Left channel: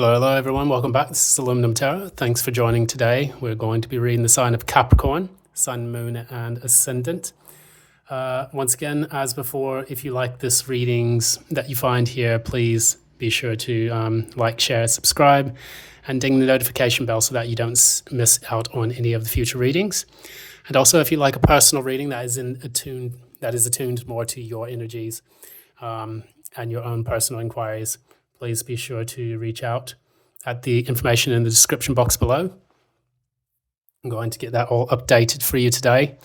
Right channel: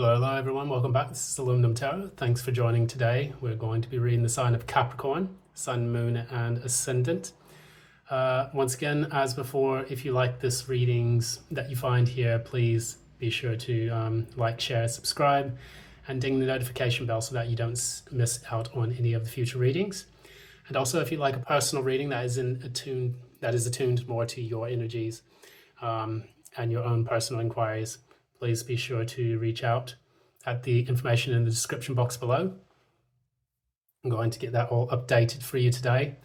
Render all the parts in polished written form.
Hello everyone, welcome back. This is Aluminum Tarot. Thanks for joining today. We're going to be reading the sign of Capricorn, Sun, Moon and Ascendant. Once again, as before, if you like this readings that you find here, please be sure to like, share, subscribe and ding the notification bell so that you don't miss out on any of the future readings. And also, if you like a personal reading that is attuned more to your energies and your own personal inquiries, please be sure to reach out at the information in the description box below. I'm going to get that all updated for you today.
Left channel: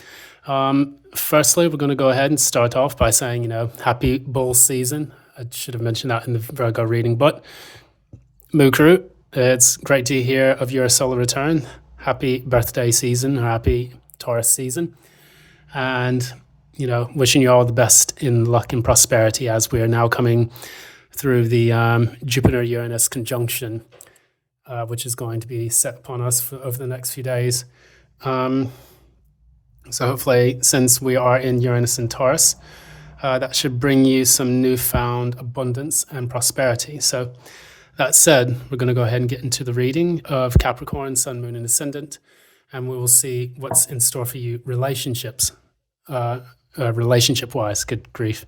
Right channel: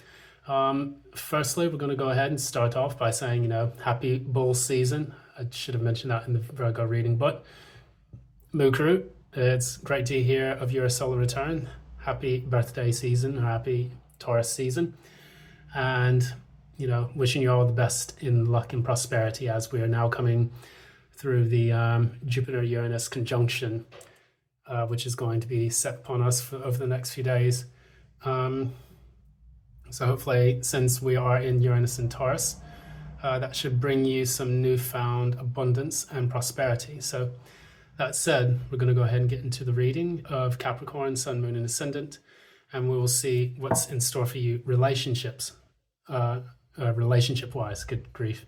Firstly, we're going to go ahead and start off by saying, happy bull season. I should have mentioned that in the Virgo reading, but Mukuru, it's great to hear of your solar return. Happy birthday season, or happy Taurus season. And, wishing you all the best in luck and prosperity as we are now coming through the Jupiter-Uranus conjunction, which is going to be set upon us over the next few days. So hopefully, since we are in Uranus and Taurus, that should bring you some newfound abundance and prosperity. So that said, we're going to go ahead and get into the reading of Capricorn, Sun, Moon, and Ascendant, and we will see what's in store for you relationship-wise. Good grief.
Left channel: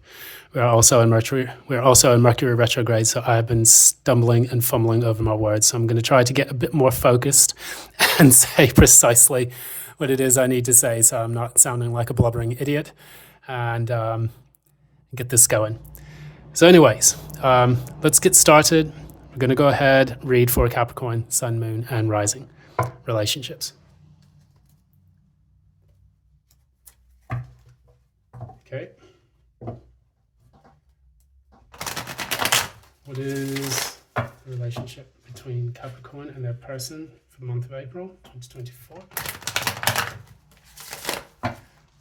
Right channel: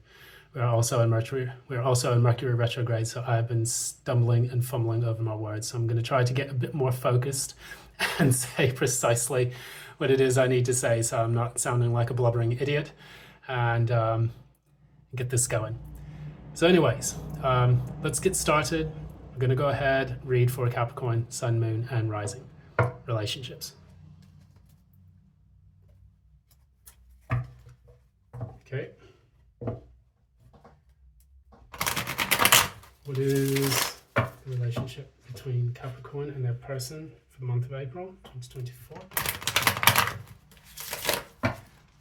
We're also in Mercury retrograde, so I've been stumbling and fumbling over my words. So I'm going to try to get a bit more focused and say precisely what it is I need to say, so I'm not sounding like a blubbering idiot, and get this going. So anyways, let's get started. We're going to go ahead, read for Capricorn, Sun, Moon, and Rising relationships. Okay. What is the relationship between Capricorn and their person for the month of April 2024?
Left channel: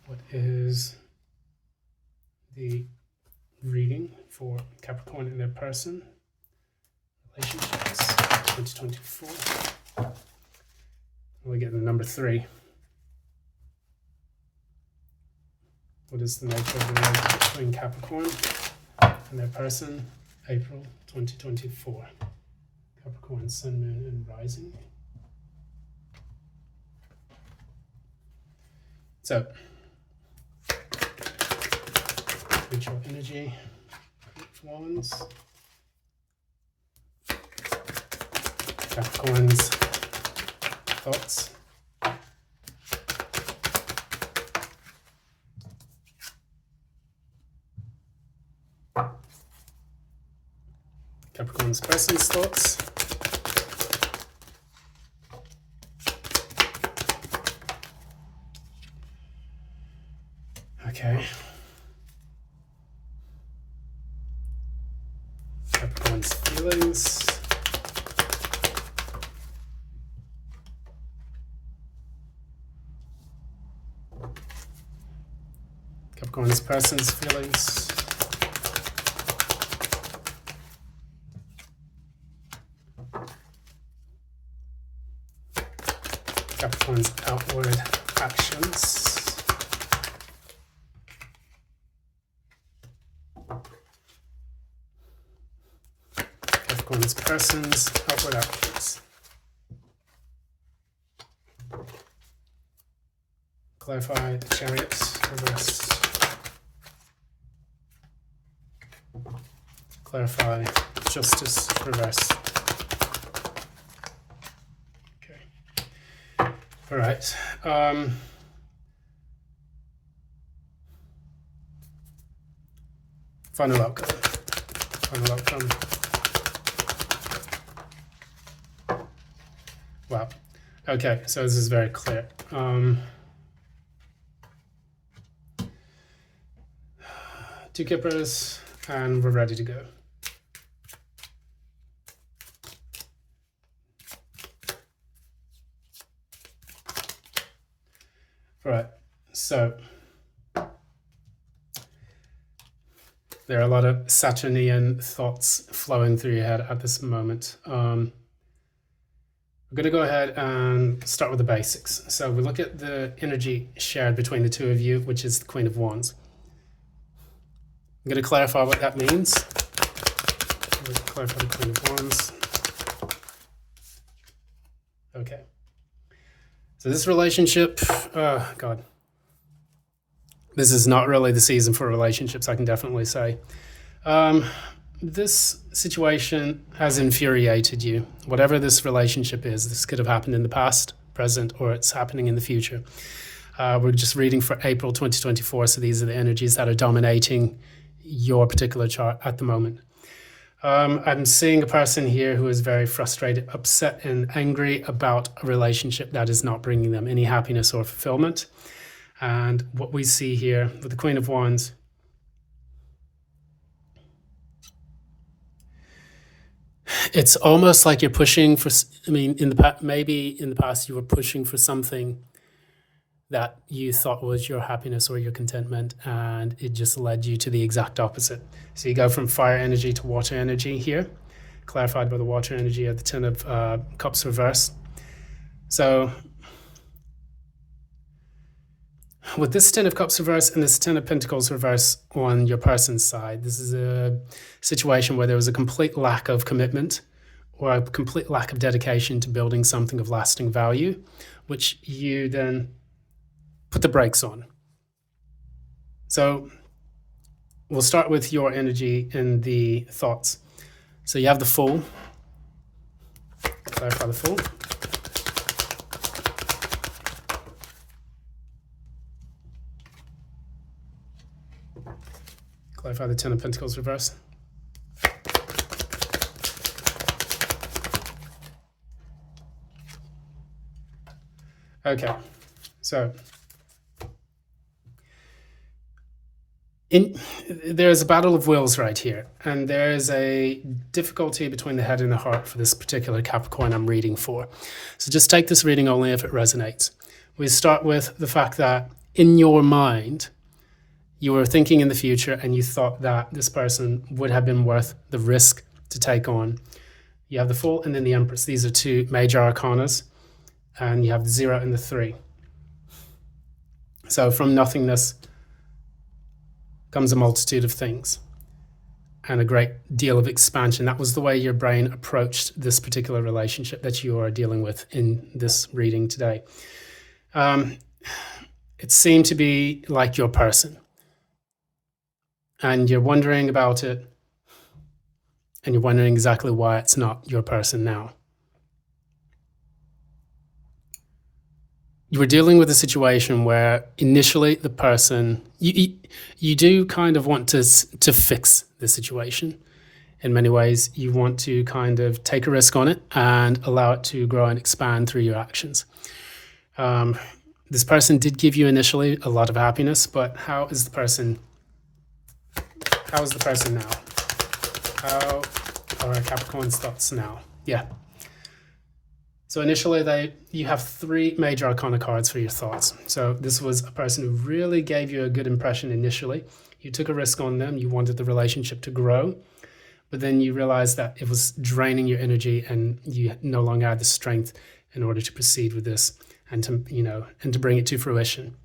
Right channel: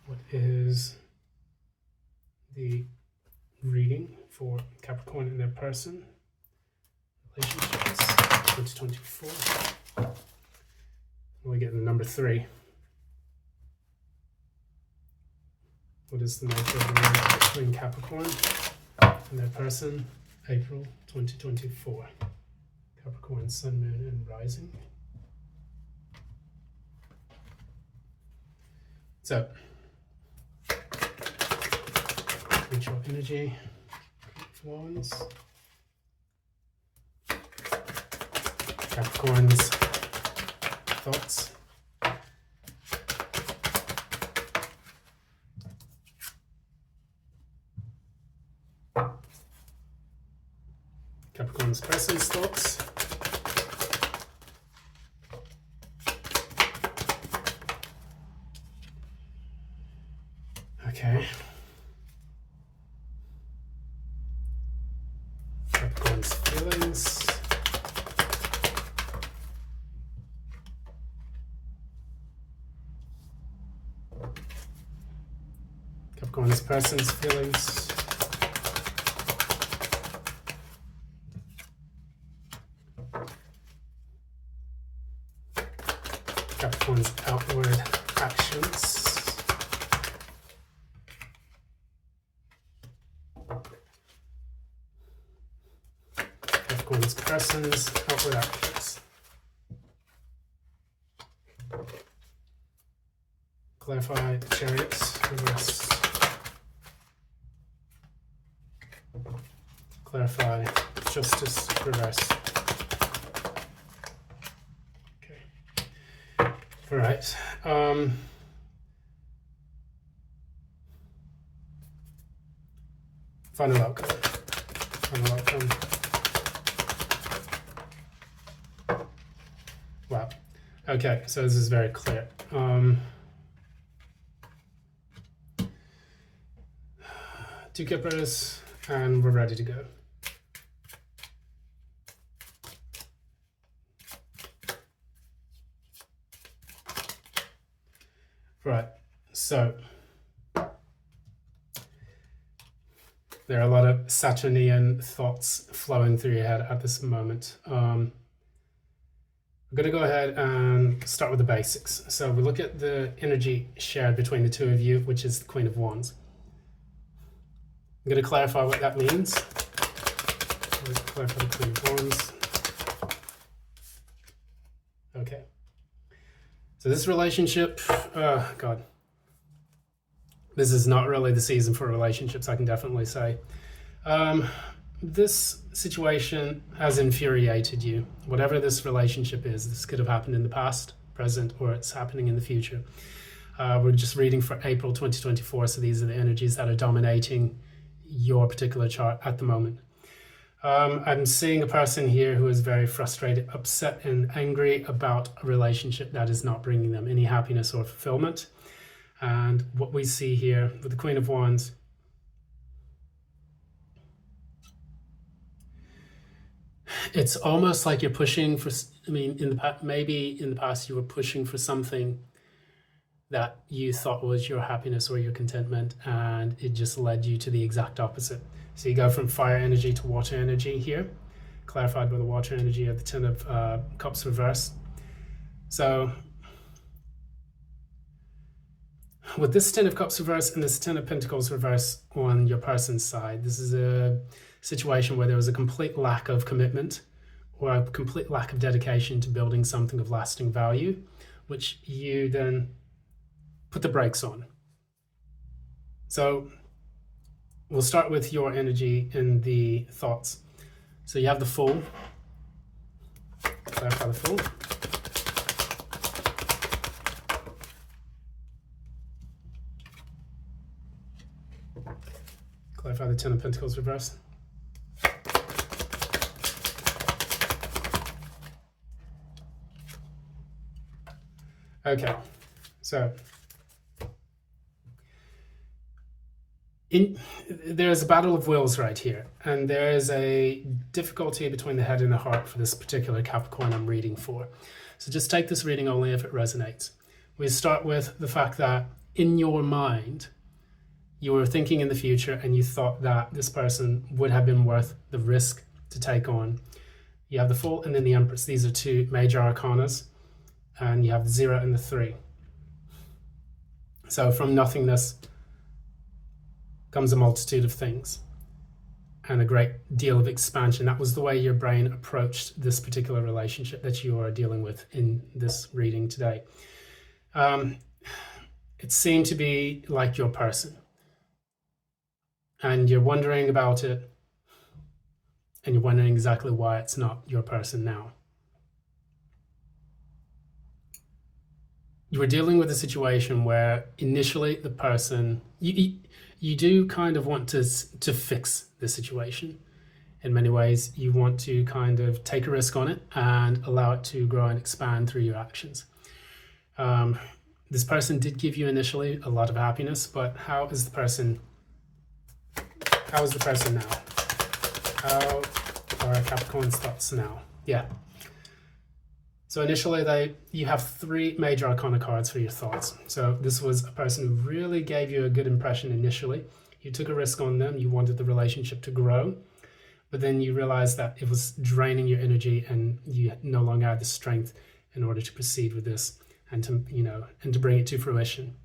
What is the reading for Capricorn and their person relationships 2024? We get the number 3. What is the nature of the relationship between Capricorn and their person, April 2024? Capricorn, Sun, Moon, and Rising. So, ritual energy, Wands, Capricorn's thoughts. Capricorn's person's thoughts. Okay. Capricorn's feelings. Capricorn's person's feelings. Capricorn's outward actions. Capricorn's person's outward actions. Clarify the Chariot reverse. Clarify Justice reverse. All right. Final outcome. Wow. Okay, so this is very clear. 2 kippers, and we're ready to go. Right, so there are a lot of Saturnian thoughts flowing through your head at this moment. We're going to go ahead and start with the basics. So we look at the energy shared between the two of you, which is the Queen of Wands. I'm going to clarify what that means. Clarify the Queen of Wands. So this relationship, God, this is not really the season for relationships, I can definitely say. This situation has infuriated you. Whatever this relationship is, this could have happened in the past, present, or it's happening in the future. We're just reading for April 2024, so these are the energies that are dominating your particular chart at the moment. I'm seeing a person here who is very frustrated, upset, and angry about a relationship that is not bringing them any happiness or fulfillment. And what we see here with the Queen of Wands, it's almost like you're pushing for, maybe in the past you were pushing for something that you thought was your happiness or your contentment, and it just led you to the exact opposite. So you go from fire energy to water energy here, clarified by the water energy of the Ten of Cups reverse. So with this Ten of Cups reverse and this Ten of Pentacles reverse on your person's side, this is a situation where there was a complete lack of commitment or a complete lack of dedication to building something of lasting value, which you then put the brakes on. So we'll start with your energy in the thoughts. So you have the Fool. Clarify the Fool. Clarify the Ten of Pentacles reverse. Okay, so there's a battle of wills right here, and there is a difficulty between the head and the heart for this particular Capricorn I'm reading for. So just take this reading only if it resonates. We start with the fact that in your mind, you were thinking in the future and you thought that this person would have been worth the risk to take on. You have the Fool and then the Empress. These are two major arcanas, and you have the 0 and the 3. So from nothingness comes a multitude of things and a great deal of expansion. That was the way your brain approached this particular relationship that you are dealing with in this reading today. It seemed to be like your person, and you're wondering about it, and you're wondering exactly why it's not your person now. You were dealing with a situation where initially the person, you do kind of want to fix the situation. In many ways, you want to kind of take a risk on it and allow it to grow and expand through your actions. This person did give you initially a lot of happiness, but how is the person now? How are Capricorn's thoughts now? Yeah. So initially, you have 3 major arcana cards for your thoughts. So this was a person who really gave you a good impression initially. You took a risk on them. You wanted the relationship to grow, but then you realized that it was draining your energy, and you no longer had the strength in order to proceed with this and to bring it to fruition.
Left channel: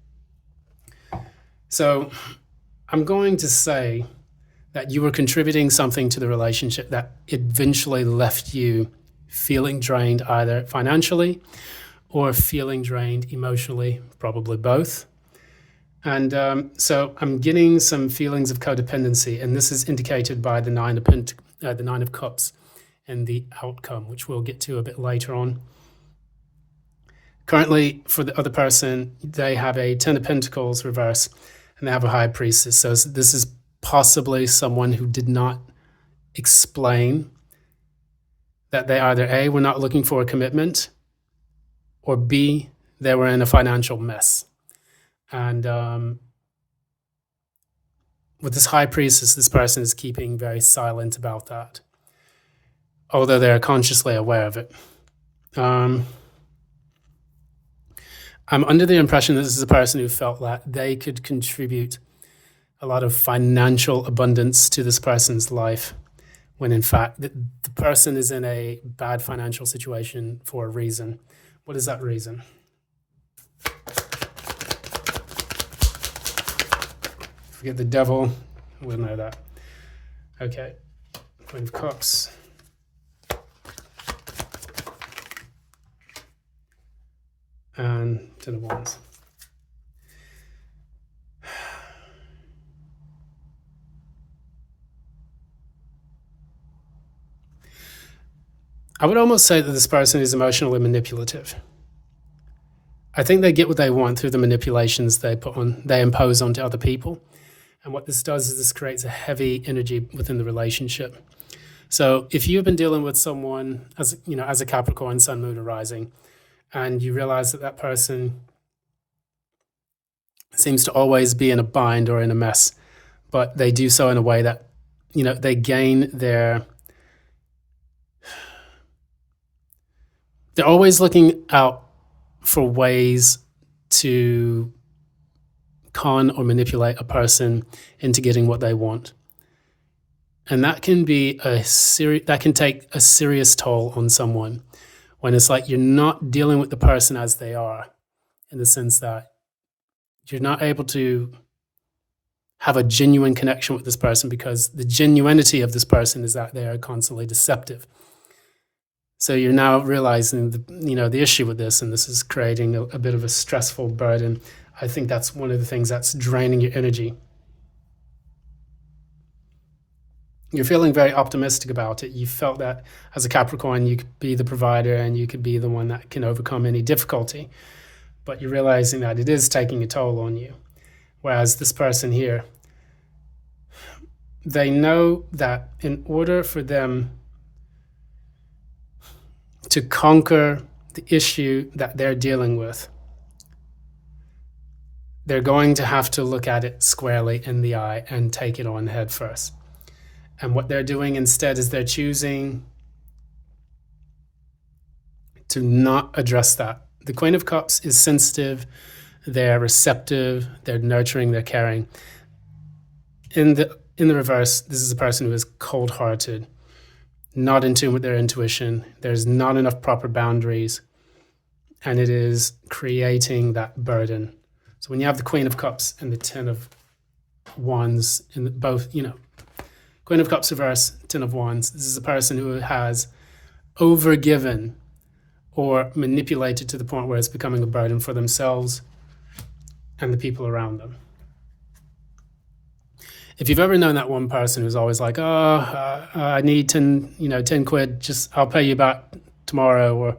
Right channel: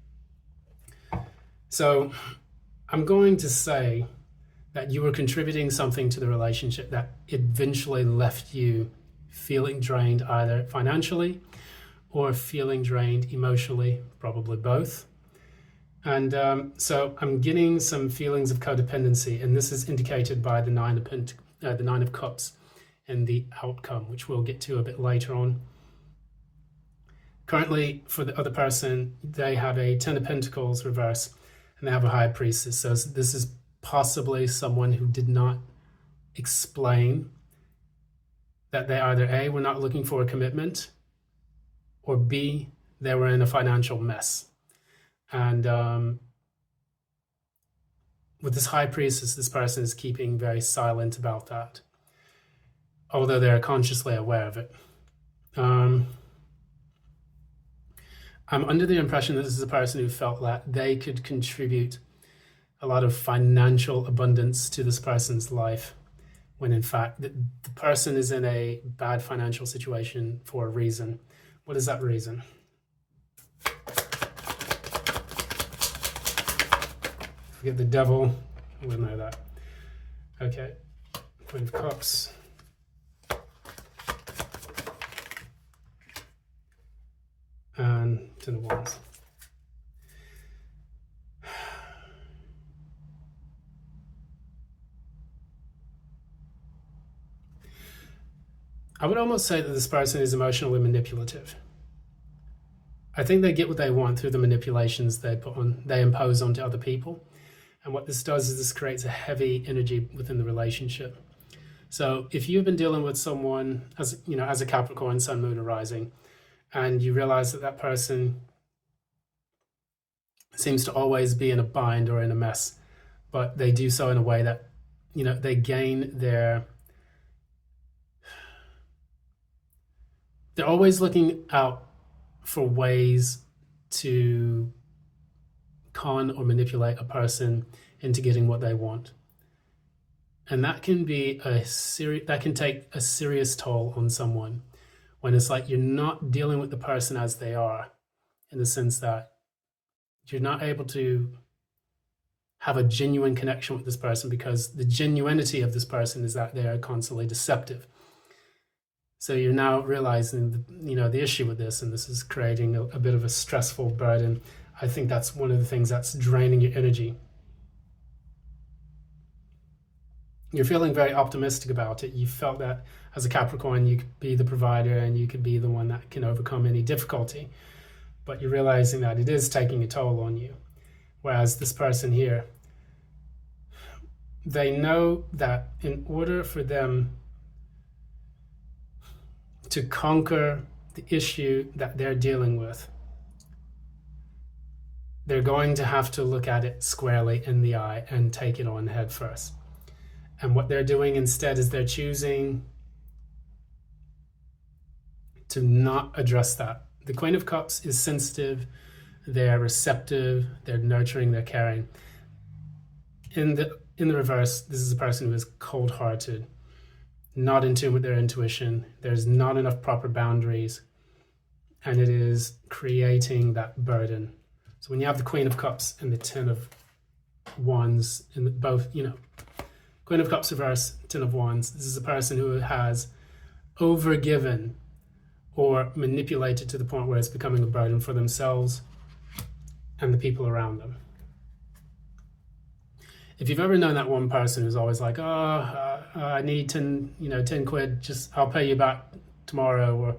So I'm going to say that you were contributing something to the relationship that eventually left you feeling drained, either financially or feeling drained emotionally, probably both. And so I'm getting some feelings of codependency, and this is indicated by the Nine of Cups and the outcome, which we'll get to a bit later on. Currently, for the other person, they have a Ten of Pentacles reverse, and they have a High Priestess. So this is possibly someone who did not explain that they either A, were not looking for a commitment, or B, they were in a financial mess. And with this High Priestess, this person is keeping very silent about that, although they're consciously aware of it. I'm under the impression that this is a person who felt that they could contribute a lot of financial abundance to this person's life, when in fact the person is in a bad financial situation for a reason. What is that reason? Forget the Devil, we'll know that. Okay, Queen of Cups. And Ten of Wands. I would almost say that this person is emotionally manipulative. I think they get what they want through the manipulations they impose onto other people. And what this does is this creates a heavy energy within the relationship. So if you've been dealing with someone as a Capricorn, Sun, Moon, or Rising, and you realize that that person seems to always be in a bind or in a mess, but they do so in a way that, they gain they're always looking out for ways to con or manipulate a person into getting what they want. And that can be that can take a serious toll on someone when it's like you're not dealing with the person as they are, in the sense that you're not able to have a genuine connection with this person, because the genuinity of this person is that they are constantly deceptive. So you're now realizing the issue with this, and this is creating a bit of a stressful burden. I think that's one of the things that's draining your energy. You're feeling very optimistic about it. You felt that as a Capricorn, you could be the provider and you could be the one that can overcome any difficulty. But you're realizing that it is taking a toll on you. Whereas this person here, they know that in order for them to conquer the issue that they're dealing with, they're going to have to look at it squarely in the eye and take it on head first. And what they're doing instead is they're choosing to not address that. The Queen of Cups is sensitive, they're receptive, they're nurturing, they're caring. In the reverse, this is a person who is cold-hearted, not in tune with their intuition. There's not enough proper boundaries, and it is creating that burden. So when you have the Queen of Cups and the Ten of Wands, and both, Queen of Cups reverse, Ten of Wands, this is a person who has overgiven or manipulated to the point where it's becoming a burden for themselves and the people around them. If you've ever known that one person who's always like, I need 10 quid, I'll pay you back tomorrow, or,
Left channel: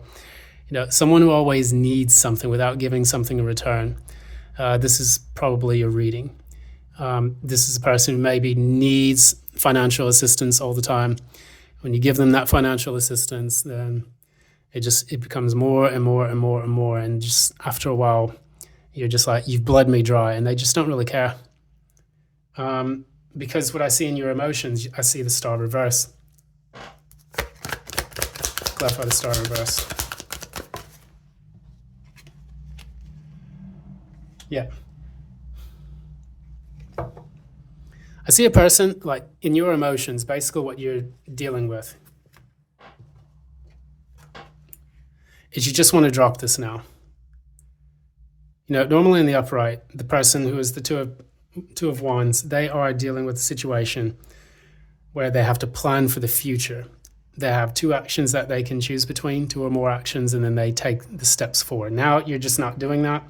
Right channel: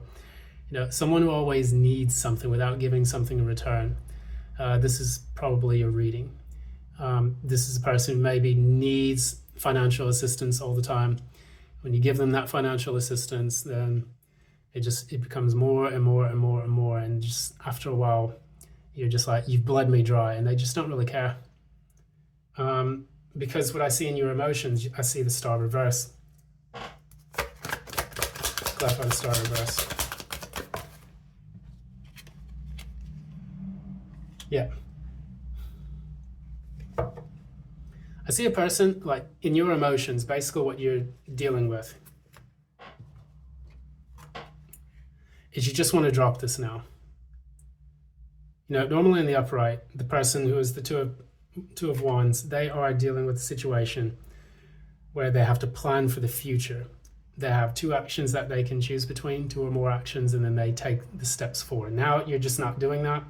someone who always needs something without giving something in return, this is probably your reading. This is a person who maybe needs financial assistance all the time. When you give them that financial assistance, then it becomes more and more and more and more. And just after a while, you're just like, you've bled me dry, and they just don't really care. Because what I see in your emotions, I see the Star reverse. Clarify the Star reverse. Yeah. I see a person, like, in your emotions, basically what you're dealing with is you just want to drop this now. Normally in the upright, the person who is the Two of Wands, they are dealing with a situation where they have to plan for the future. They have two actions that they can choose between, two or more actions, and then they take the steps forward. Now you're just not doing that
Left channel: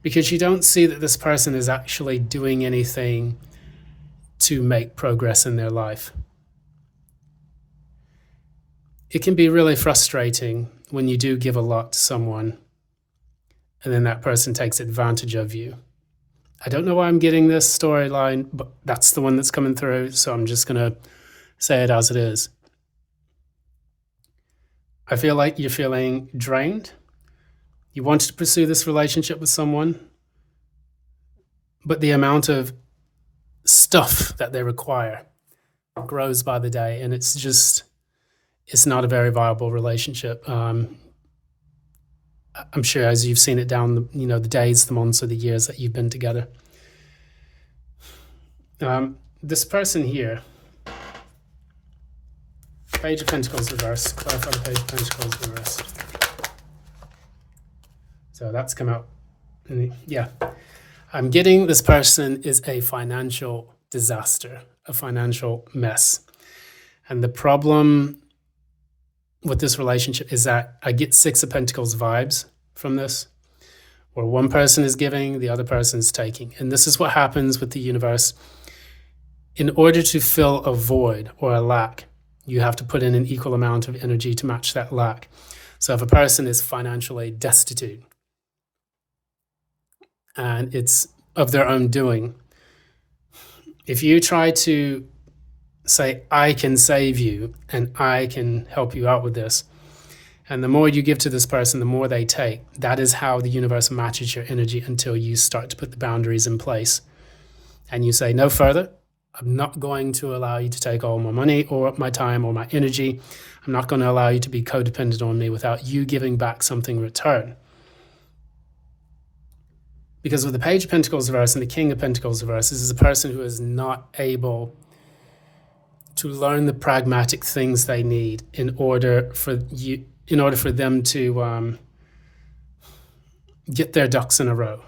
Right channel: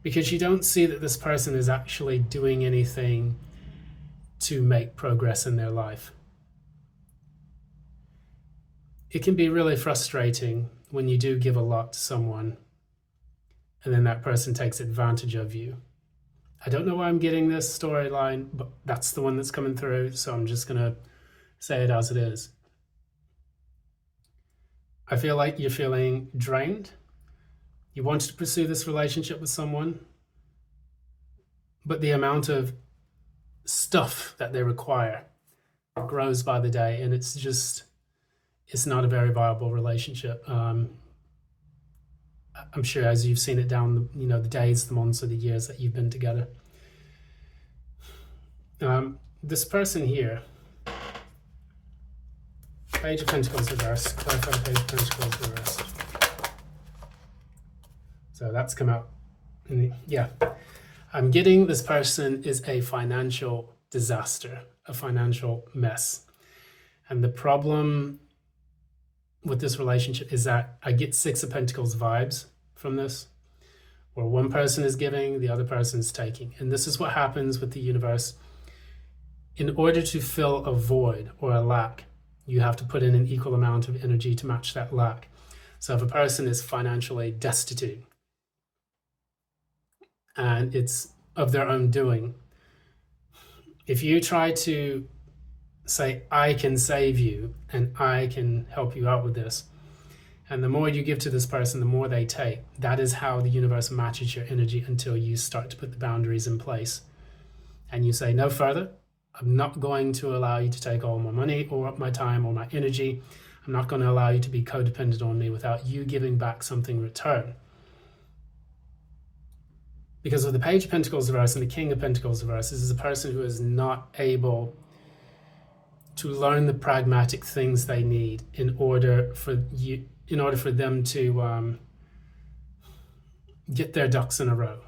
because you don't see that this person is actually doing anything to make progress in their life. It can be really frustrating when you do give a lot to someone and then that person takes advantage of you. I don't know why I'm getting this storyline, but that's the one that's coming through, so I'm just going to say it as it is. I feel like you're feeling drained. You wanted to pursue this relationship with someone, but the amount of stuff that they require grows by the day, and it's not a very viable relationship. I'm sure as you've seen it down the days, the months, or the years that you've been together. This person here, Page of Pentacles reverse, clarify the Page of Pentacles reverse. So that's come out. Yeah. I'm getting this person is a financial disaster, a financial mess. And the problem with this relationship is that I get Six of Pentacles vibes from this, Or one person is giving, the other person is taking. And this is what happens with the universe. In order to fill a void or a lack, you have to put in an equal amount of energy to match that lack. So if a person is financially destitute and it's of their own doing, if you try to say, I can save you and I can help you out with this, and the more you give to this person, the more they take, that is how the universe matches your energy until you start to put the boundaries in place. And you say, no further. I'm not going to allow you to take all my money or my time or my energy. I'm not going to allow you to be codependent on me without you giving back something in return. Because with the Page of Pentacles reverse and the King of Pentacles reverse, this is a person who is not able to learn the pragmatic things they need in order for them to get their ducks in a row.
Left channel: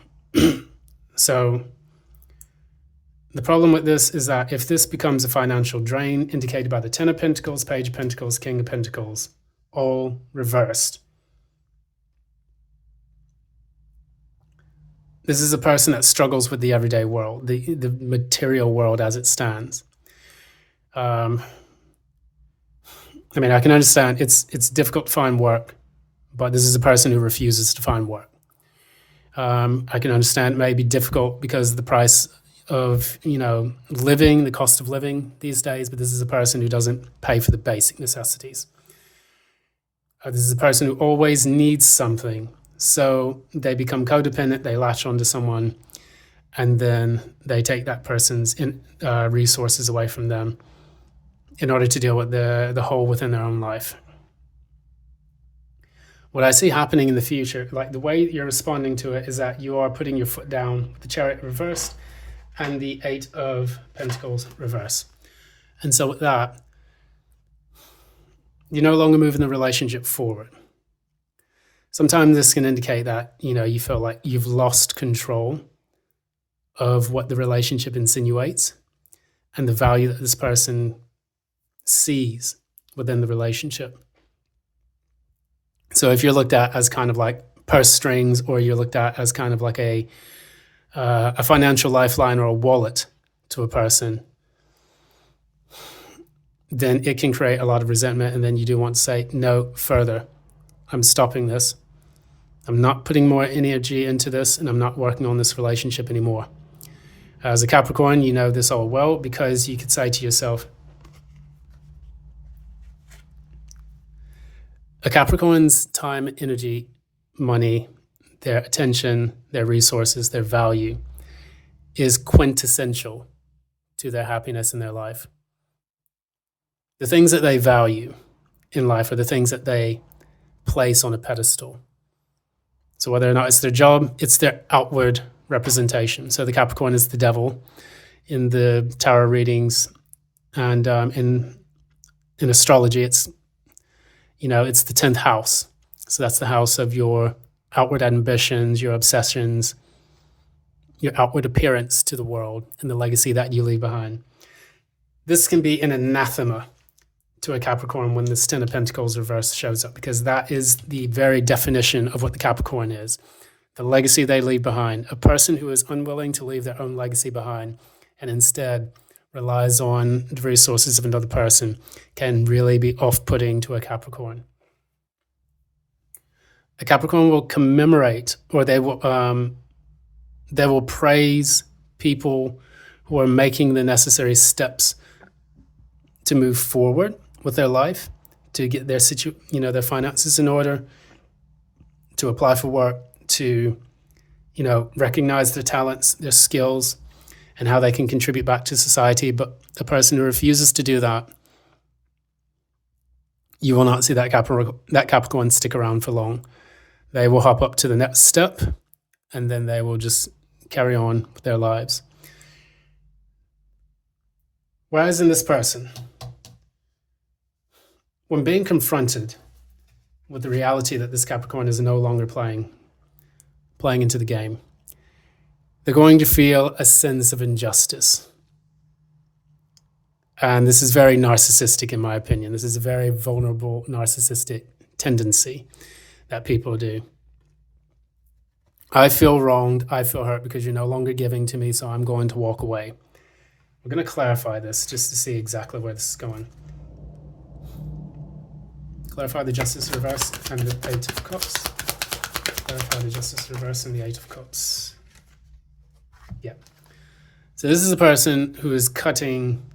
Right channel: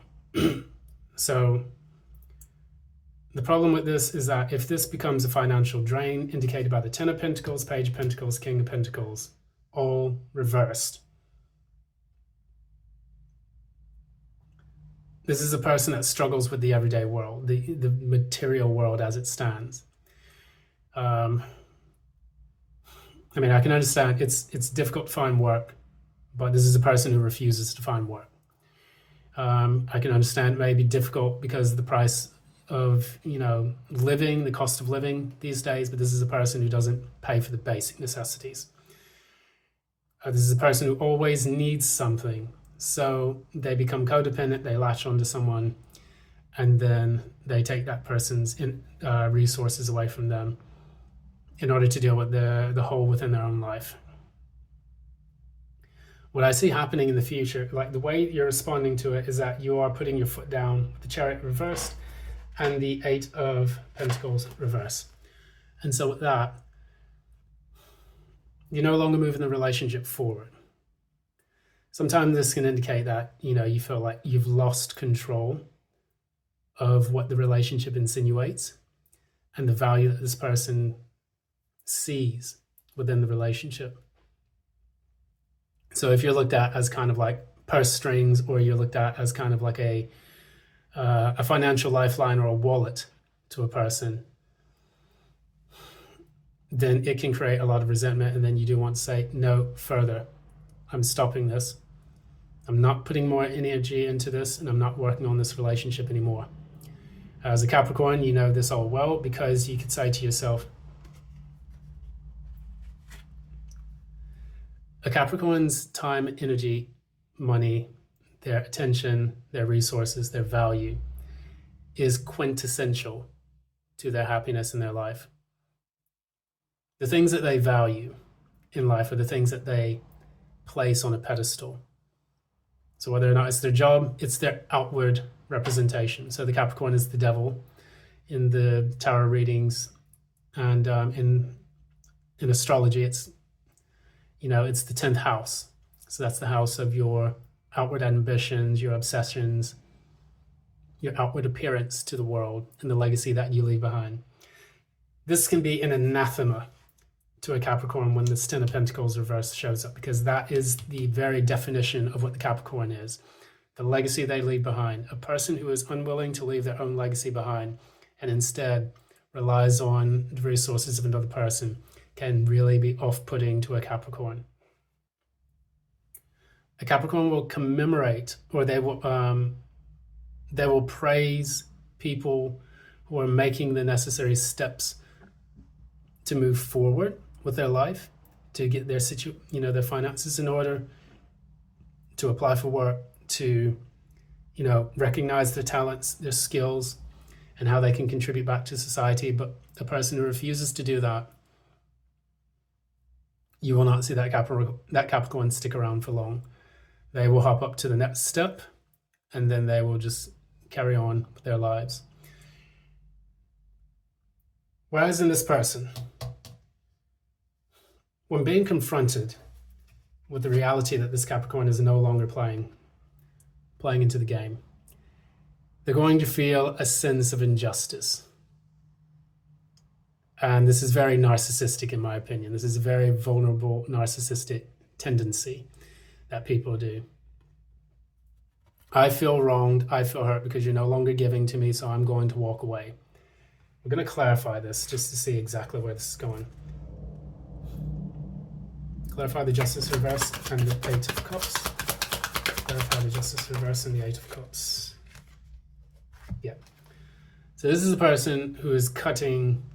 So the problem with this is that if this becomes a financial drain, indicated by the Ten of Pentacles, Page of Pentacles, King of Pentacles, all reversed, this is a person that struggles with the everyday world, the material world as it stands. I mean, I can understand it's difficult to find work, but this is a person who refuses to find work. I can understand it may be difficult because of the price of, living, the cost of living these days, but this is a person who doesn't pay for the basic necessities. This is a person who always needs something, so they become codependent, they latch onto someone, and then they take that person's resources away from them in order to deal with the hole within their own life. What I see happening in the future, like the way you're responding to it, is that you are putting your foot down, the Chariot reversed and the Eight of Pentacles reverse. And so with that, you're no longer moving the relationship forward. Sometimes this can indicate that, you feel like you've lost control of what the relationship insinuates and the value that this person sees within the relationship. So if you're looked at as kind of like purse strings, or you're looked at as kind of like a financial lifeline or a wallet to a person, then it can create a lot of resentment. And then you do want to say, no further. I'm stopping this. I'm not putting more energy into this, and I'm not working on this relationship anymore. As a Capricorn, you know this all well, because you could say to yourself, a Capricorn's time, energy, money, their attention, their resources, their value is quintessential to their happiness in their life. The things that they value in life are the things that they place on a pedestal. So whether or not it's their job, it's their outward representation. So the Capricorn is the devil in the tarot readings, and in astrology, it's it's the 10th house. So that's the house of your outward ambitions, your obsessions, your outward appearance to the world, and the legacy that you leave behind. This can be an anathema to a Capricorn when this Ten of Pentacles reverse shows up, because that is the very definition of what the Capricorn is. The legacy they leave behind. A person who is unwilling to leave their own legacy behind and instead relies on the resources of another person can really be off-putting to a Capricorn. A Capricorn will commemorate, or they will praise people who are making the necessary steps to move forward with their life, to get their their finances in order, to apply for work, to recognize their talents, their skills, and how they can contribute back to society. But a person who refuses to do that, you will not see that Capricorn stick around for long. They will hop up to the next step, and then they will just carry on with their lives. Whereas in this person, when being confronted with the reality that this Capricorn is no longer playing into the game, they're going to feel a sense of injustice. And this is very narcissistic, in my opinion. This is a very vulnerable narcissistic tendency that people do. I feel wronged, I feel hurt because you're no longer giving to me, so I'm going to walk away. We're going to clarify this just to see exactly where this is going. Clarify the Justice reverse and the Eight of Cups. Clarify the Justice reverse and the Eight of Cups. Yeah. So this is a person who is cutting,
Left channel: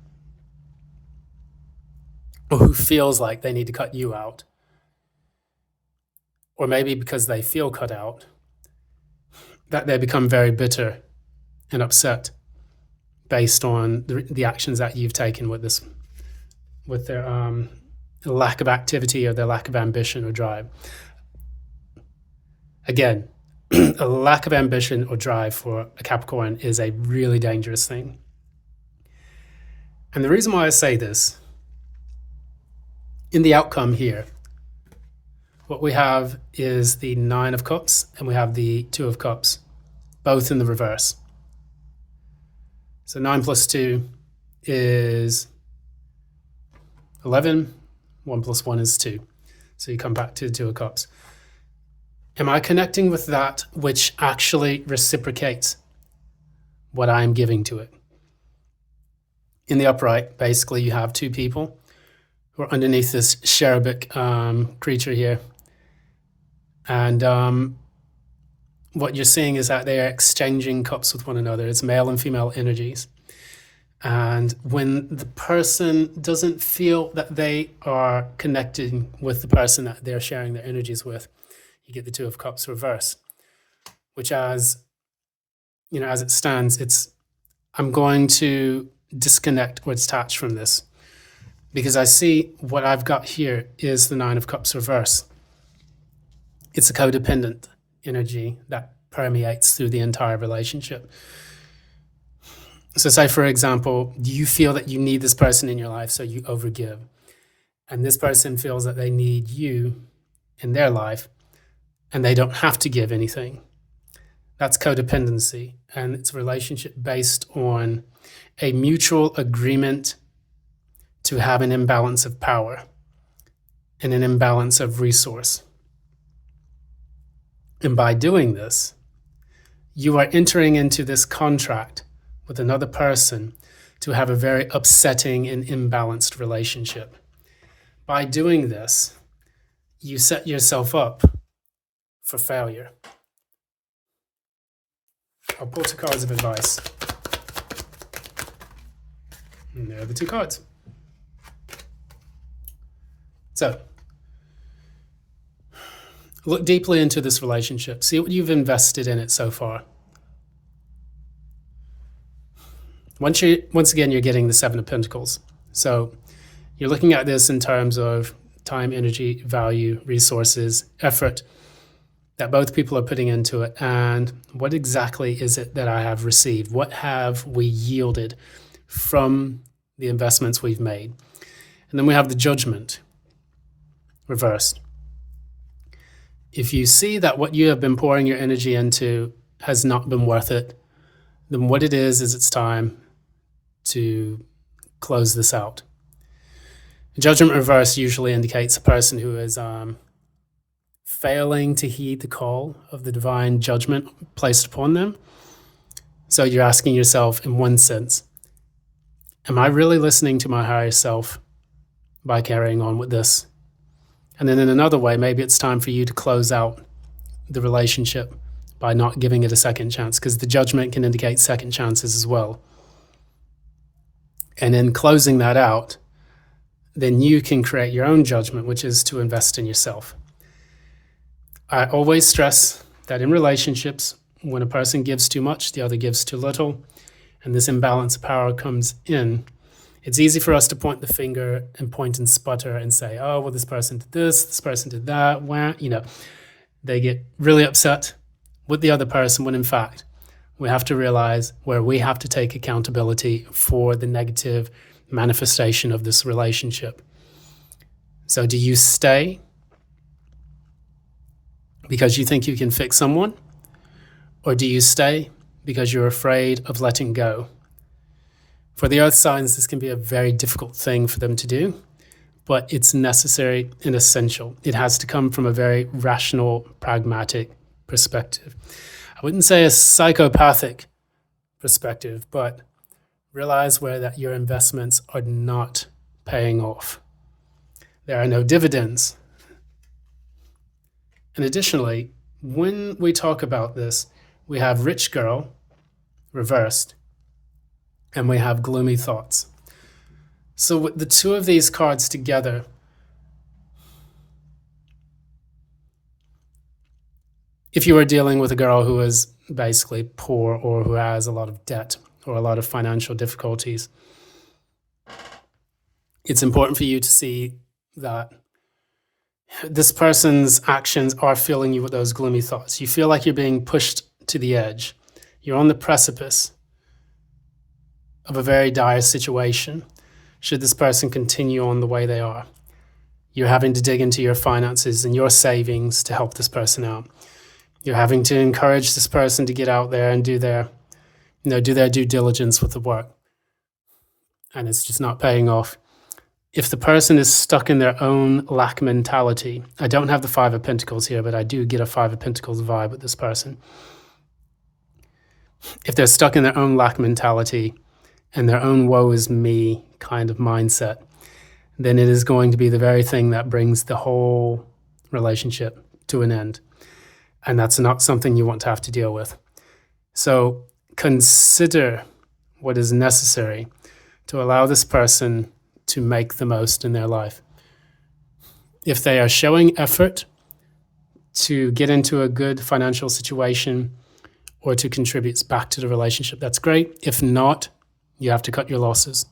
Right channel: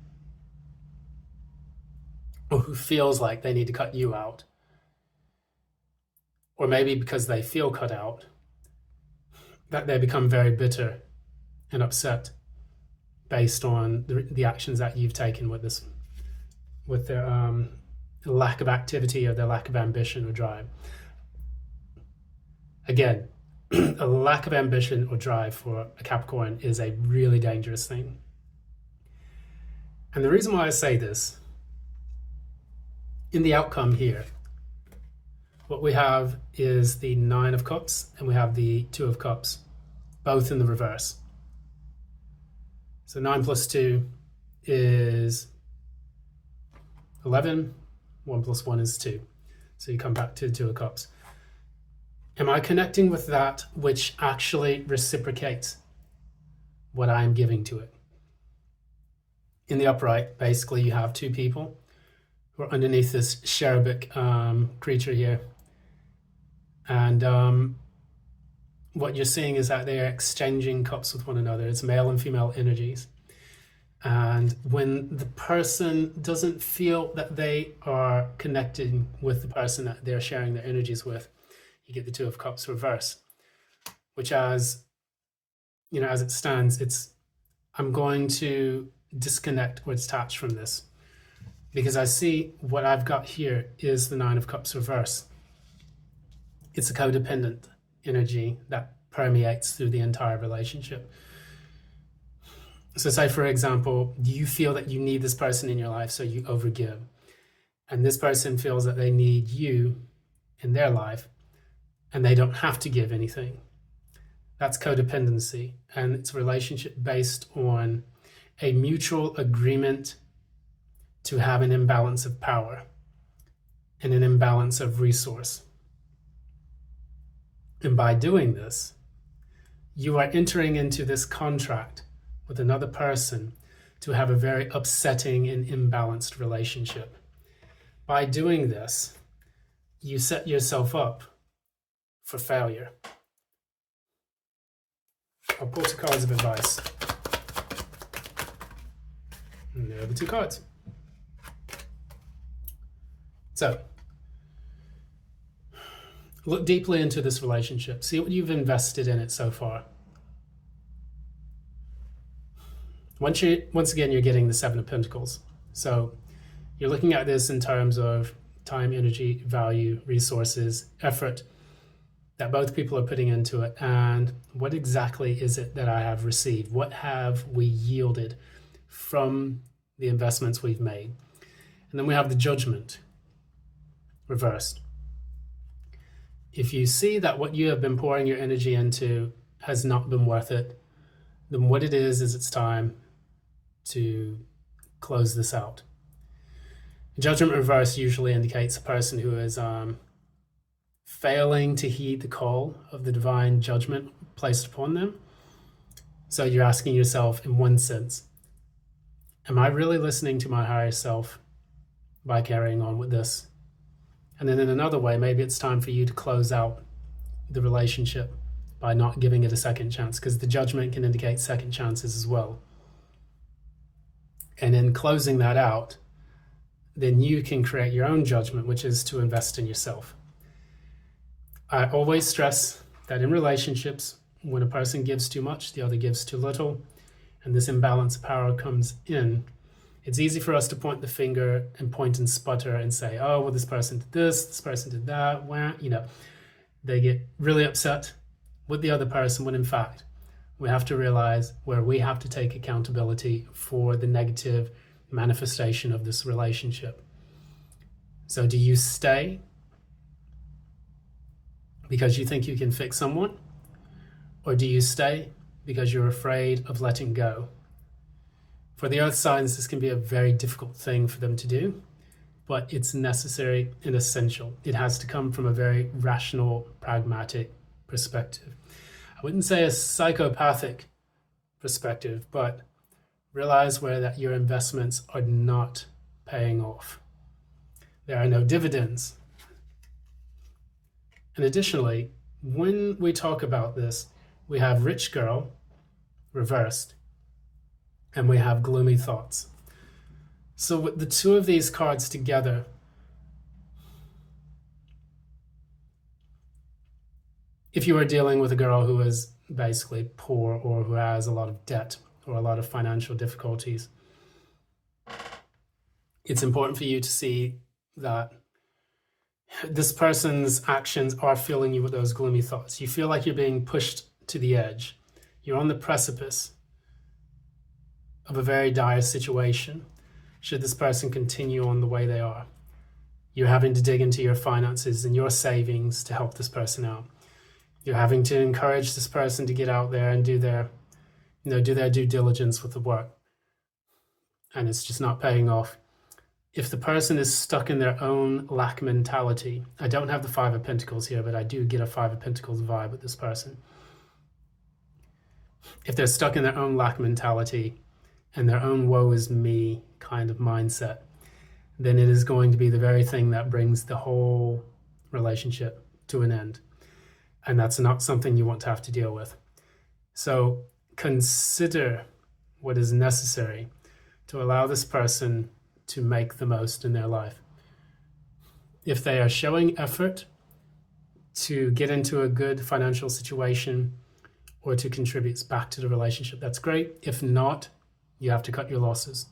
or who feels like they need to cut you out. Or maybe because they feel cut out, that they become very bitter and upset based on the actions that you've taken with this, with their lack of activity or their lack of ambition or drive. Again, a lack of ambition or drive for a Capricorn is a really dangerous thing. And the reason why I say this, in the outcome here, what we have is the Nine of Cups and we have the Two of Cups, both in the reverse. So 9 plus 2 is 11. 1 plus 1 is 2. So you come back to the Two of Cups. Am I connecting with that which actually reciprocates what I'm giving to it? In the upright, basically, you have two people who are underneath this cherubic creature here. And what you're seeing is that they are exchanging cups with one another. It's male and female energies. And when the person doesn't feel that they are connecting with the person that they're sharing their energies with, you get the Two of Cups reverse, which as it stands, it's, I'm going to disconnect or detach from this because I see what I've got here is the Nine of Cups reverse. It's a codependent energy that permeates through the entire relationship. So say, for example, you feel that you need this person in your life, so you overgive. And this person feels that they need you in their life, and they don't have to give anything. That's codependency, and it's a relationship based on a mutual agreement to have an imbalance of power and an imbalance of resource. And by doing this, you are entering into this contract with another person to have a very upsetting and imbalanced relationship. By doing this, you set yourself up for failure. I'll pull two cards of advice. And there are the two cards. So, look deeply into this relationship. See what you've invested in it so far. Once again, you're getting the Seven of Pentacles. So you're looking at this in terms of time, energy, value, resources, effort that both people are putting into it. And what exactly is it that I have received? What have we yielded from the investments we've made? And then we have the Judgment reversed. If you see that what you have been pouring your energy into has not been worth it, then what it is it's time to close this out. Judgment reverse usually indicates a person who is failing to heed the call of the divine judgment placed upon them. So you're asking yourself, in one sense, am I really listening to my higher self by carrying on with this? And then in another way, maybe it's time for you to close out the relationship by not giving it a second chance, because the Judgment can indicate second chances as well. And in closing that out, then you can create your own judgment, which is to invest in yourself. I always stress that in relationships, when a person gives too much, the other gives too little, and this imbalance of power comes in, it's easy for us to point the finger and point and sputter and say, oh, well, this person did this person did that, they get really upset with the other person, when in fact, we have to realize where we have to take accountability for the negative manifestation of this relationship. So do you stay because you think you can fix someone? Or do you stay because you're afraid of letting go? For the earth signs, this can be a very difficult thing for them to do, but it's necessary and essential. It has to come from a very rational, pragmatic perspective. wouldn't say a psychopathic perspective, but realize where that your investments are not paying off. There are no dividends. And additionally, when we talk about this, we have rich girl reversed, and we have gloomy thoughts. So with the two of these cards together, if you are dealing with a girl who is basically poor or who has a lot of debt or a lot of financial difficulties, it's important for you to see that this person's actions are filling you with those gloomy thoughts. You feel like you're being pushed to the edge. You're on the precipice of a very dire situation should this person continue on the way they are. You're having to dig into your finances and your savings to help this person out. You're having to encourage this person to get out there and do their due diligence with the work. And it's just not paying off. If the person is stuck in their own lack mentality, I don't have the Five of Pentacles here, but I do get a Five of Pentacles vibe with this person. If they're stuck in their own lack mentality and their own woe is me kind of mindset, then it is going to be the very thing that brings the whole relationship to an end. And that's not something you want to have to deal with. So consider what is necessary to allow this person to make the most in their life. If they are showing effort to get into a good financial situation or to contribute back to the relationship, that's great. If not, you have to cut your losses.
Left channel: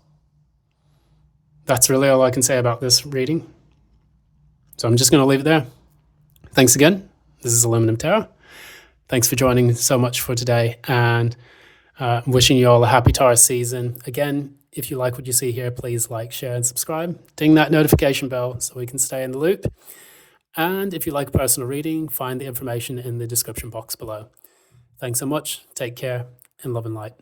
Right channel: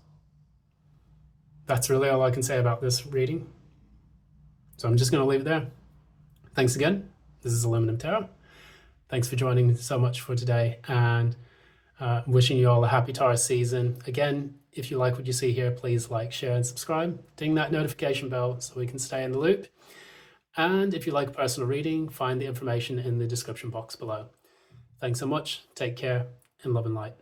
That's really all I can say about this reading. So I'm just going to leave it there. Thanks again. This is Aluminum Tarot. Thanks for joining so much for today, and wishing you all a happy Taurus season. Again, if you like what you see here, please like, share, and subscribe. Ding that notification bell so we can stay in the loop. And if you like a personal reading, find the information in the description box below. Thanks so much. Take care, and love and light.